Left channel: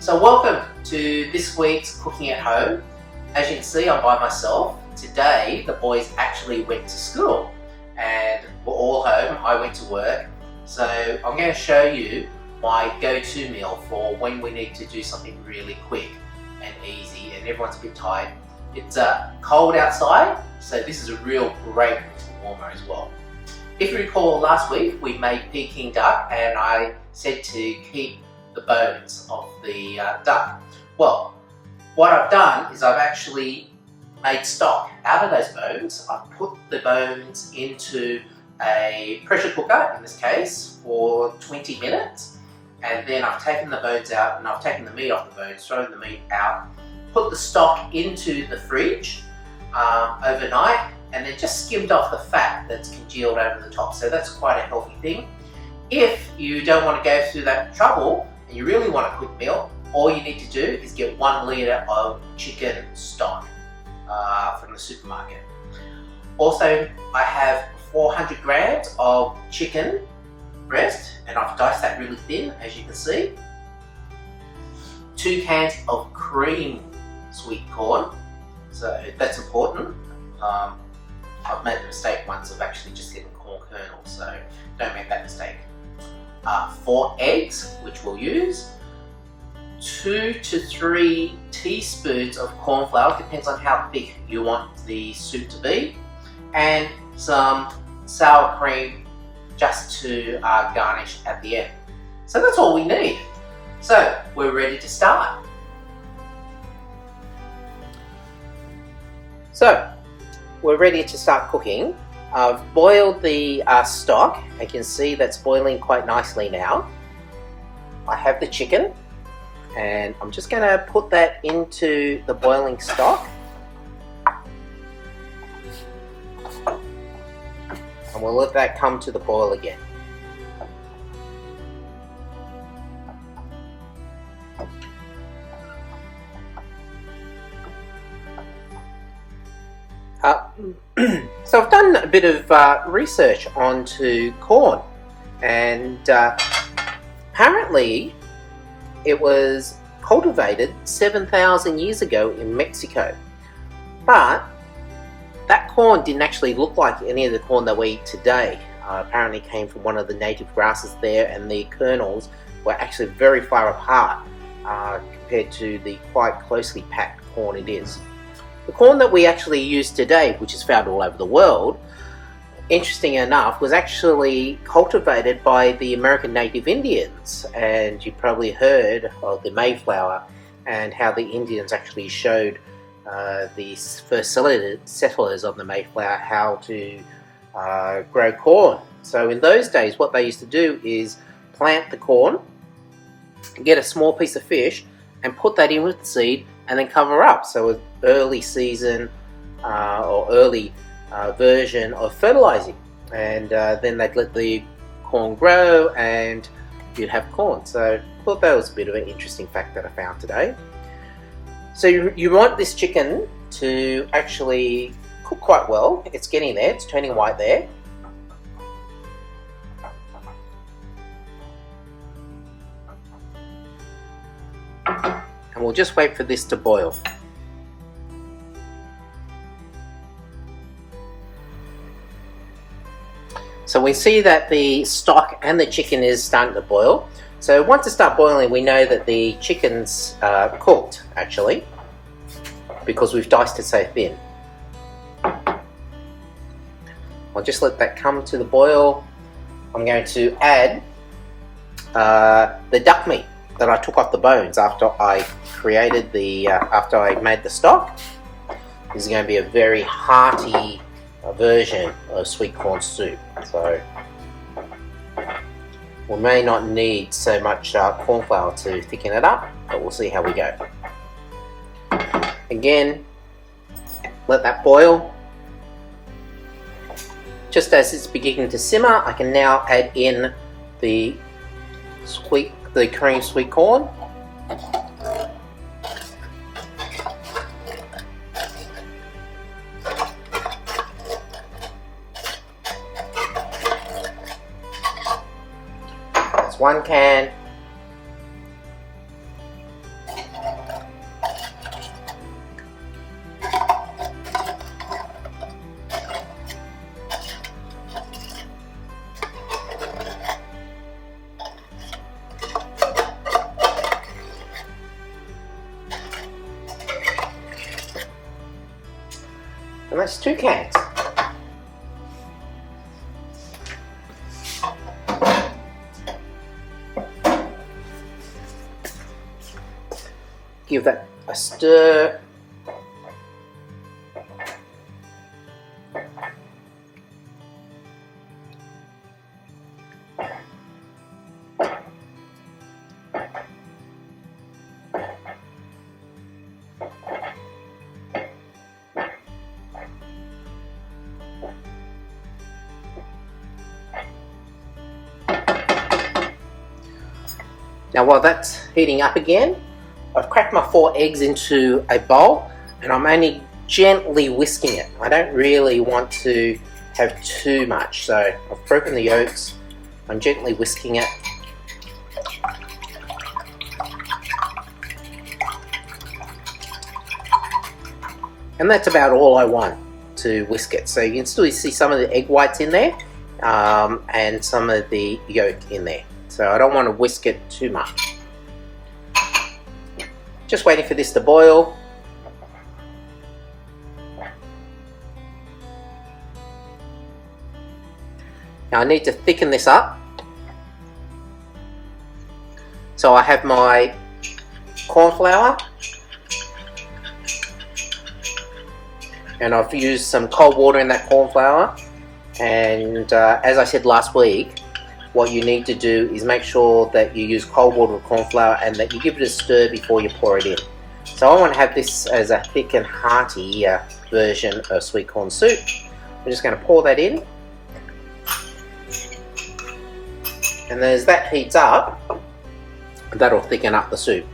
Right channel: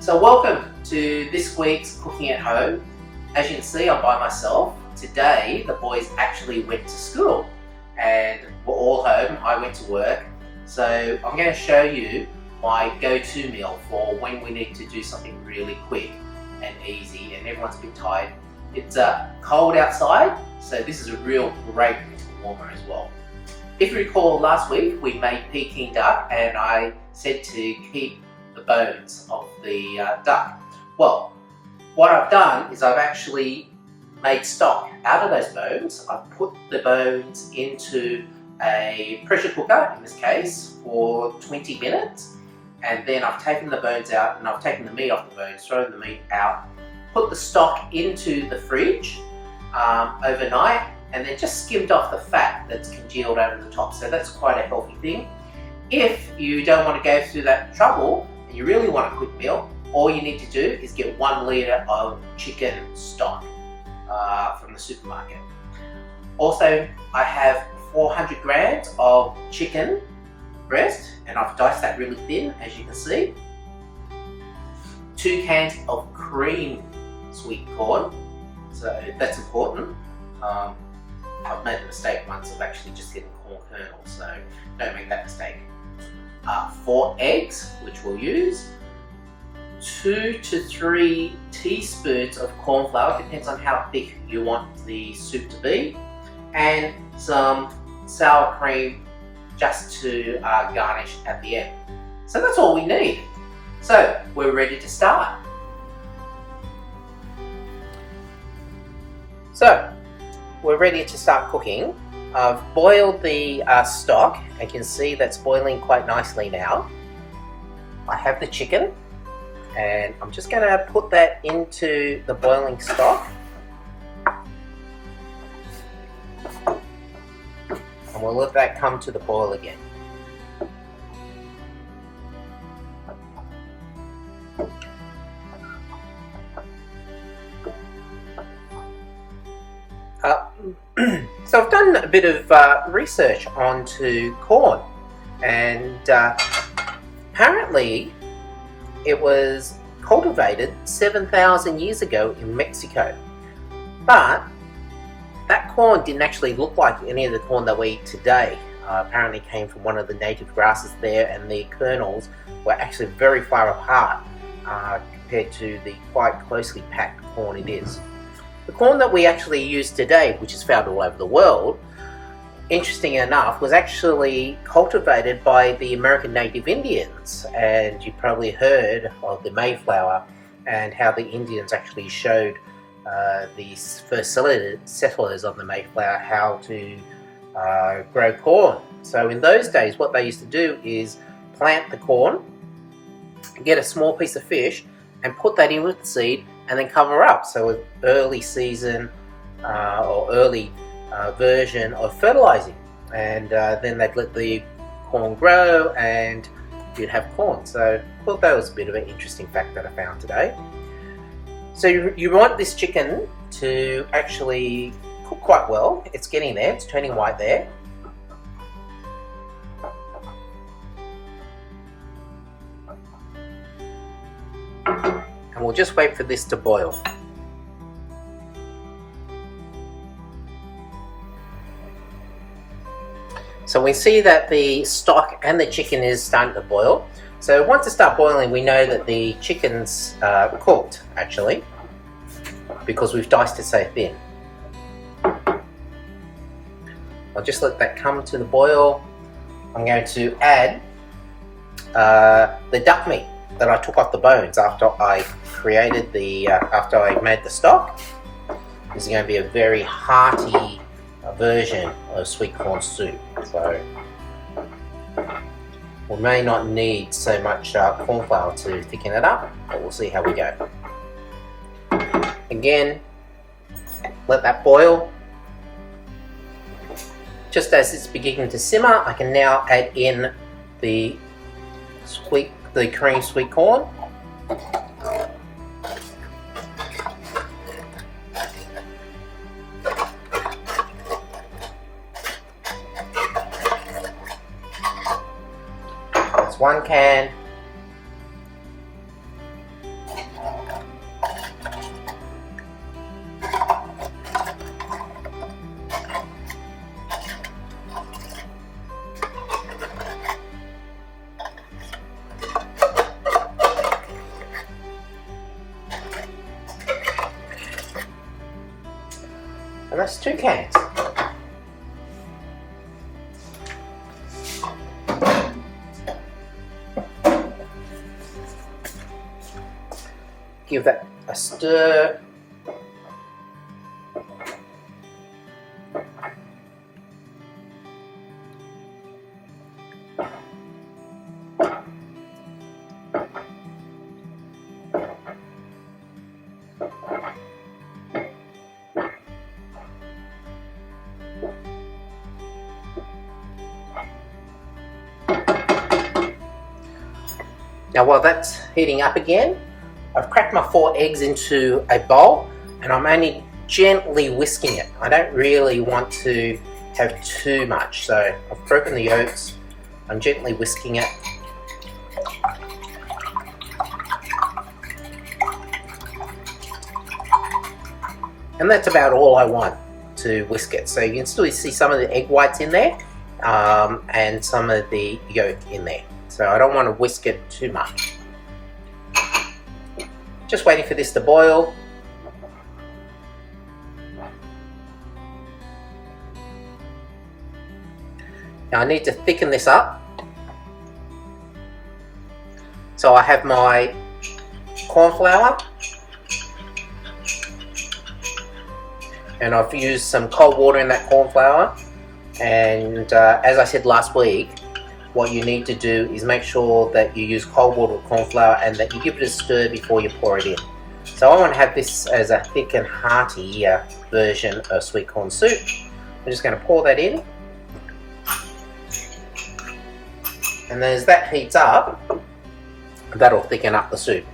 So welcome to this week's Cooking at Home. As you can see, I'm by myself. Today the boys actually went to school and we're all home. I went to work. So I'm going to show you my go-to meal for when we need to do something really quick and easy and everyone's a bit tired. It's cold outside, so this is a real great winter warmer as well. If you recall, last week we made Peking duck and I said to keep the bones of the duck. Well, what I've done is I've actually made stock out of those bones. I've put the bones into a pressure cooker, in this case, for 20 minutes. And then I've taken the bones out and I've taken the meat off the bones, thrown the meat out, put the stock into the fridge overnight, and then just skimmed off the fat that's congealed over the top. So that's quite a healthy thing. If you don't want to go through that trouble and you really want a quick meal, all you need to do is get 1 litre of chicken stock from the supermarket. Also, I have 400 grams of chicken breast and I've diced that really thin, as you can see. 2 cans of cream sweet corn, so that's important. I've made the mistake once of actually just getting corn kernels, so don't make that mistake. 4 eggs, which we'll use. 2 to 3 teaspoons of corn flour, depends on how thick you want the soup to be. And some sour cream just to garnish at the end. So that's all we need. So we're ready to start. So we're ready to start cooking. I've boiled the stock. You can see that's boiling quite nicely now. I have the chicken and I'm just going to put that into the boiling stock. And we'll let that come to the boil again. So I've done a bit of research onto corn, and apparently it was cultivated 7,000 years ago in Mexico. But that corn didn't actually look like any of the corn that we eat today. Apparently came from one of the native grasses there, and the kernels were actually very far apart compared to the quite closely packed corn it is. The corn that we actually use today, which is found all over the world, interesting enough, was actually cultivated by the American native Indians. And you probably heard of the Mayflower and how the Indians actually showed the first settlers of the Mayflower how to grow corn. So in those days, what they used to do is plant the corn, get a small piece of fish, and put that in with the seed, and then cover up. So an early season or early version of fertilizing. And then they'd let the corn grow and you'd have corn. So I thought that was a bit of an interesting fact that I found today. So you want this chicken to actually cook quite well. It's getting there, it's turning white there. And we'll just wait for this to boil. So we see that the stock and the chicken is starting to boil. So once it starts boiling, we know that the chicken's cooked, actually, because we've diced it so thin. I'll just let that come to the boil. I'm going to add the duck meat that I took off the bones after I created after I made the stock. This is going to be a very hearty version of sweet corn soup. So we may not need so much corn flour to thicken it up, but we'll see how we go. Again, let that boil. Just as it's beginning to simmer, I can now add in the cream sweet corn. That's 1 can. And that's 2 cans. Give that a stir. Now while that's heating up again, I've cracked my 4 eggs into a bowl and I'm only gently whisking it. I don't really want to have too much, so I've broken the yolks, I'm gently whisking it. And that's about all I want to whisk it. So you can still see some of the egg whites in there and some of the yolk in there. So I don't want to whisk it too much. Just waiting for this to boil. Now I need to thicken this up. So I have my corn flour and I've used some cold water in that corn flour, and as I said last week, what you need to do is make sure that you use cold water with corn flour and that you give it a stir before you pour it in. So I want to have this as a thick and hearty version of sweet corn soup. I'm just going to pour that in, and then as that heats up, that'll thicken up the soup.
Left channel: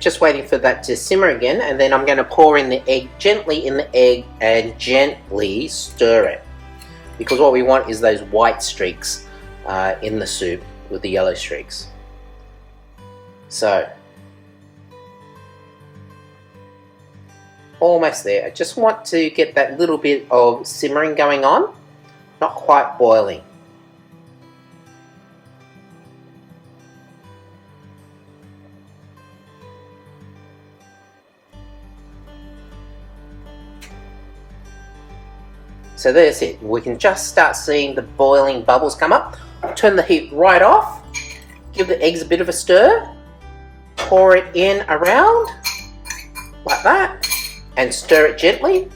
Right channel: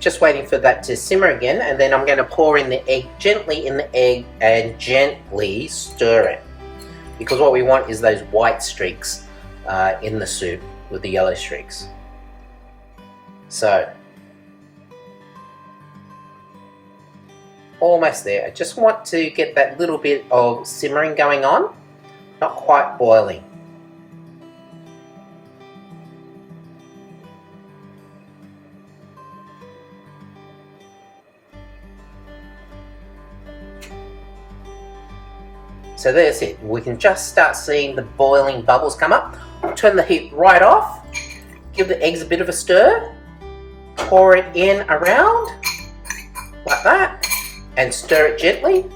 Just waiting for that to simmer again, and then I'm going to pour in the egg, gently in the egg, and gently stir it, because what we want is those white streaks in the soup with the yellow streaks. So almost there. I just want to get that little bit of simmering going on, not quite boiling. So there's it. We can just start seeing the boiling bubbles come up. Turn the heat right off. Give the eggs a bit of a stir. Pour it in around like that and stir it gently.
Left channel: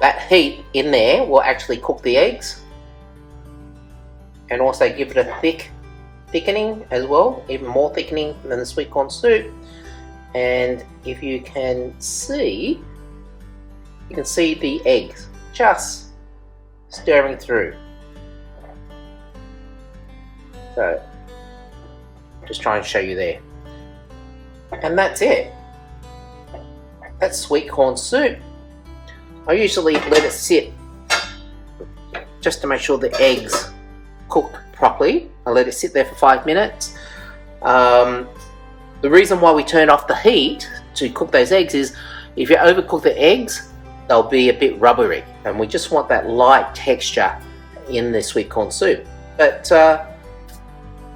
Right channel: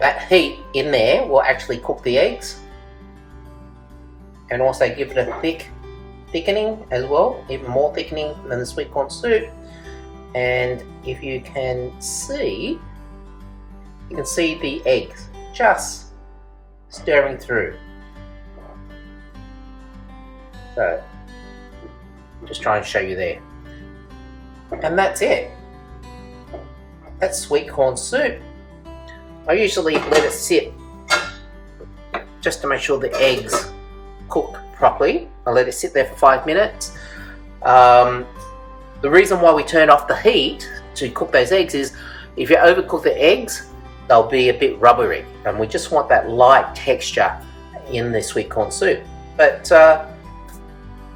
That heat in there will actually cook the eggs and also give it a thickening as well, even more thickening than the sweet corn soup. And if you can see the eggs just stirring through. So just try and show you there. And that's it. That's sweet corn soup. I usually let it sit just to make sure the eggs cook properly. I let it sit there for 5 minutes. The reason why we turn off the heat to cook those eggs is if you overcook the eggs, they'll be a bit rubbery, and we just want that light texture in the sweet corn soup. But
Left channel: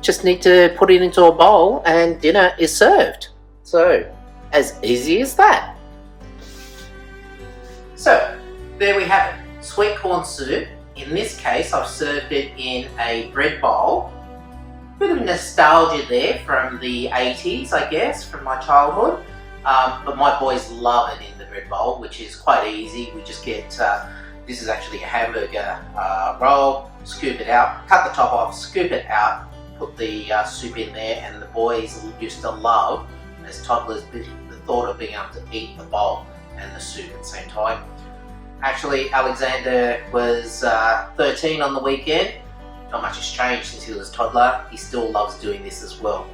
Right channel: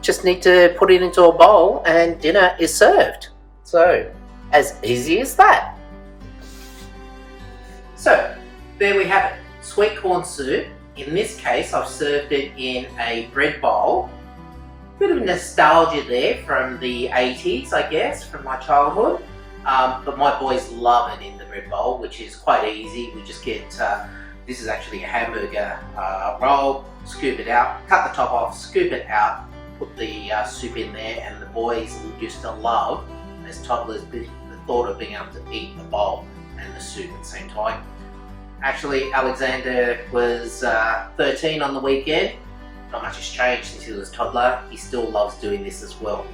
just need to put it into a bowl and dinner is served. So as easy as that. So there we have it, sweet corn soup. In this case I've served it in a bread bowl. Bit of nostalgia there from the 80s, I guess, from my childhood. But my boys love it in the bread bowl, which is quite easy. We just get, this is actually a hamburger roll, scoop it out, cut the top off, scoop it out, put the soup in there, and the boys used to love, as toddlers, the thought of being able to eat the bowl and the soup at the same time. Actually, Alexander was 13 on the weekend. Not much has changed since he was a toddler. He still loves doing this as well.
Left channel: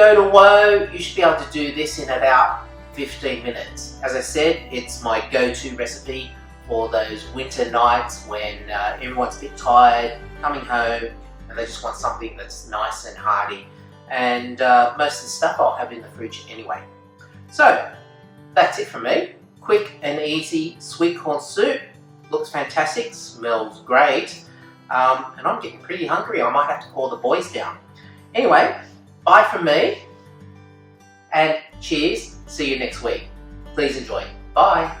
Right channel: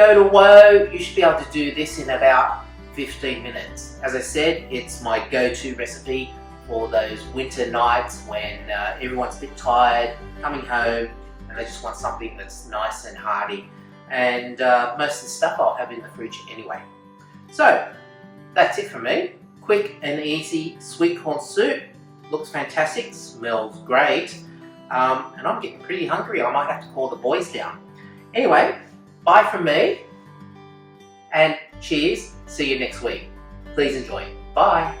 go to Woe, you should be able to do this in about 15 minutes. As I said, it's my go-to recipe for those winter nights when everyone's a bit tired, coming home, and they just want something that's nice and hearty. And most of the stuff I'll have in the fridge anyway. So that's it from me. Quick and easy sweet corn soup. Looks fantastic, smells great, and I'm getting pretty hungry. I might have to call the boys down. Anyway, bye from me, and cheers. See you next week. Please enjoy. Bye.